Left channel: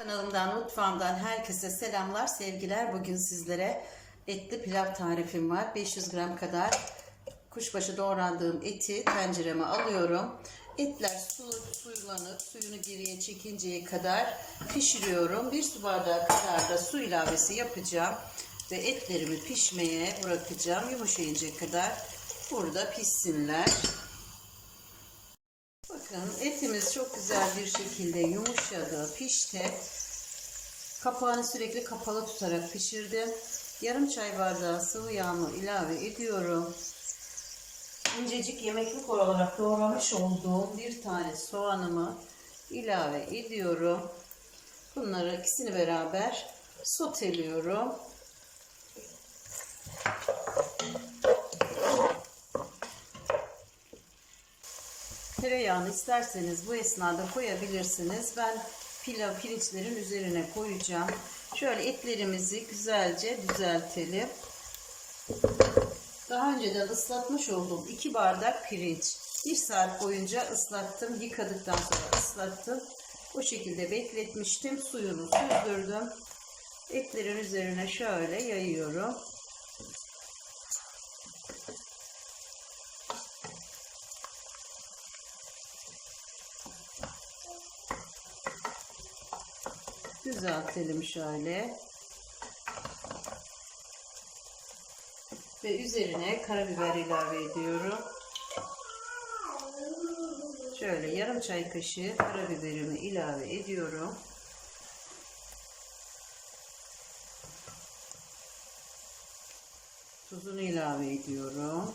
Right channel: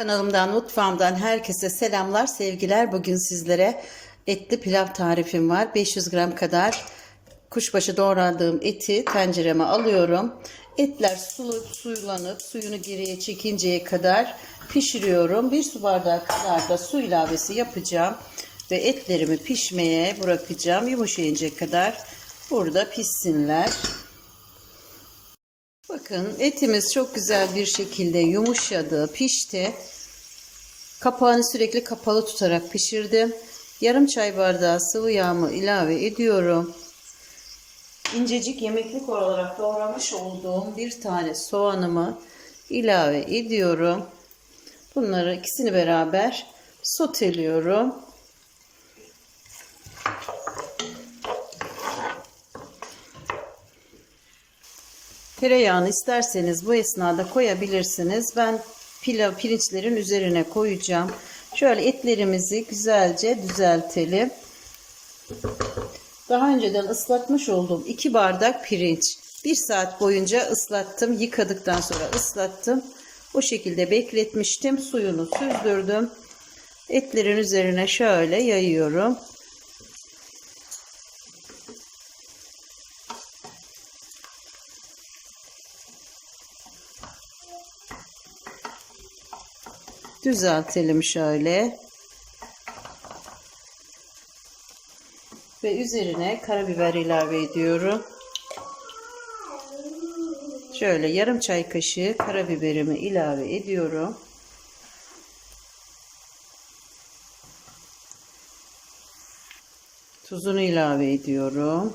Kanalımdan, mutfağımdan herkese selamlar, sevgiler. Bugün sizlere etli pilav tarifim var. 500 gram kadar kuşbaşı doğradığım eti tencereme alıyorum. Etler sulu, suylanıp suyunu geriye çekinceye kadar pişiriyorum. Bir su bardağı kadar da su ilavesi yapacağım. Ve etlerimi pişmeye bırakacağım. Yumuşayıncaya kadar burada pişsinler. Bakın etimiz çok güzel bir şekilde yumuşadı, pişti. Kapağını sürekli kapalı tutarak pişirdim. Yarım çay bardağı sıvı yağımı ilave ediyorum. İncecik yemeklik olarak doğramış olduğum bir tane soğanımı ilave ediyorum. Bunları ikisini beraber soteliyorum. Tereyağını isterseniz bu esnada koyabilirsiniz. Ben pilav pirinçlerin üzerine koyacağım. Şöyle etlerimizi güzelce düzeltelim. Daha önceden ıslatmış olduğum 2 bardak pirinç. 1 saat boyunca ıslattım. Yıkadıktan sonra ıslattım. Bu şekilde bekletmiştim. Suyunu süzdürdüm. Etlerin üzerine şöyle yayıyorum. Düzeltelim şöyle. Ve üzerine karabiber ilave ediyorum. Şöyle yarım çay kaşığı karabiberimi ilave ediyorum. Tuzunu ilave ediyorum.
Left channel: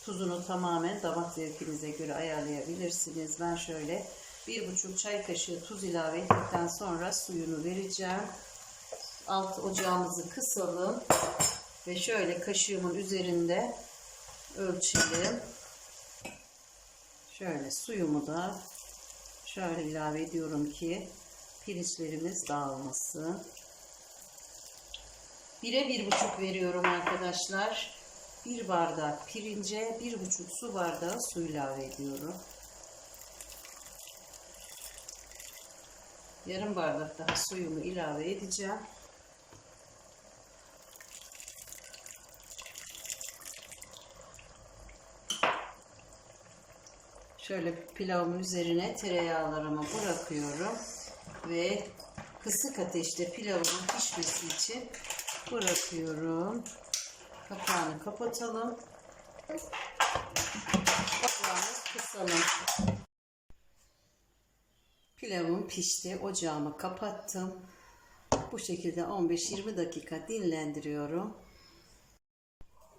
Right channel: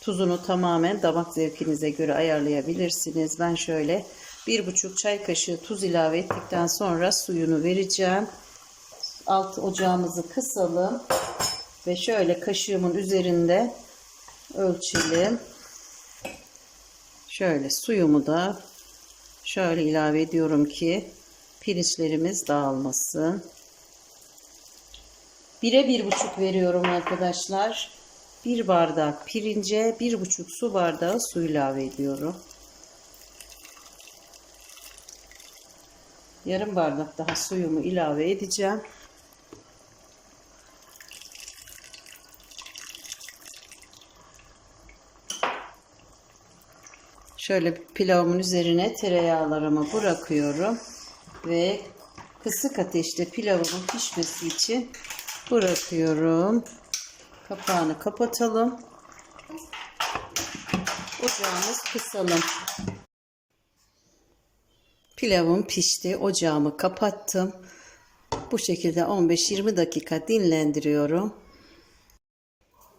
Tuzunu tamamen damak zevkinize göre ayarlayabilirsiniz. Ben şöyle bir buçuk çay kaşığı tuz ilave ettikten sonra suyunu vereceğim. Alt ocağımızı kısalım ve şöyle kaşığımın üzerinde ölçelim. Şöyle suyumu da şöyle ilave ediyorum ki pirinçlerimiz dağılmasın. Bire bir buçuk veriyorum arkadaşlar. Bir bardak pirince bir buçuk su bardağı su ilave ediyorum. Yarım bardak daha suyumu ilave edeceğim. Şöyle pilavımın üzerine tereyağlarımı bırakıyorum ve kısık ateşte pilavımın pişmesi için bırakıyorum. Kapağını kapatalım. Ocağımız kısalım. Pilavım pişti. Ocağımı kapattım. Bu şekilde 15-20 dakika dinlendiriyorum.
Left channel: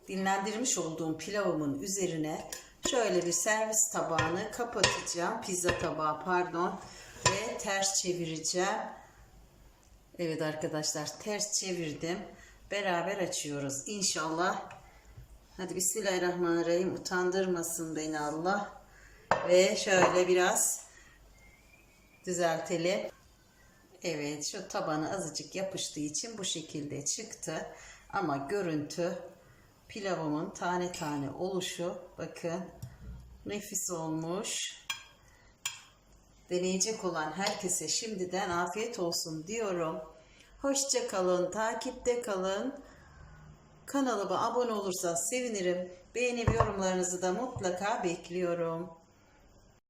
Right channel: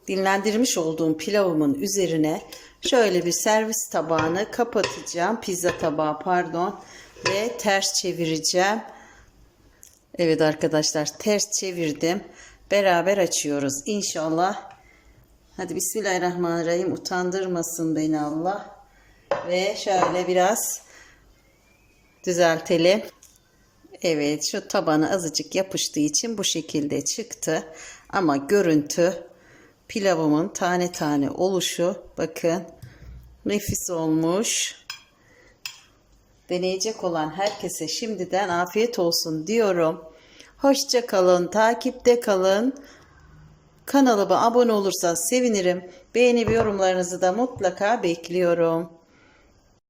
Dinlendirmiş olduğum pilavımın üzerine şöyle bir servis tabağını kapatacağım. Pizza tabağı pardon. Ve ters çevireceğim. Evet arkadaşlar ters çevirdim. Beraber açıyoruz inşallah. Hadi Bismillahirrahmanirrahim. Utandırmasın beni Allah. Ve şöyle biraz düzeltelim. Evet şu tabana azıcık yapıştığı için bu şekilde çıktı. Ama görüntü pilavımın tane tane oluşu bakın nefis olmuş. Deneyecek olan herkese şimdiden afiyet olsun diyorum. Hoşça kalın, takipte kalın. Kanalıma abone olursanız sevinirim. Beğeni ve yorumlarınızı da mutlaka bekliyorum.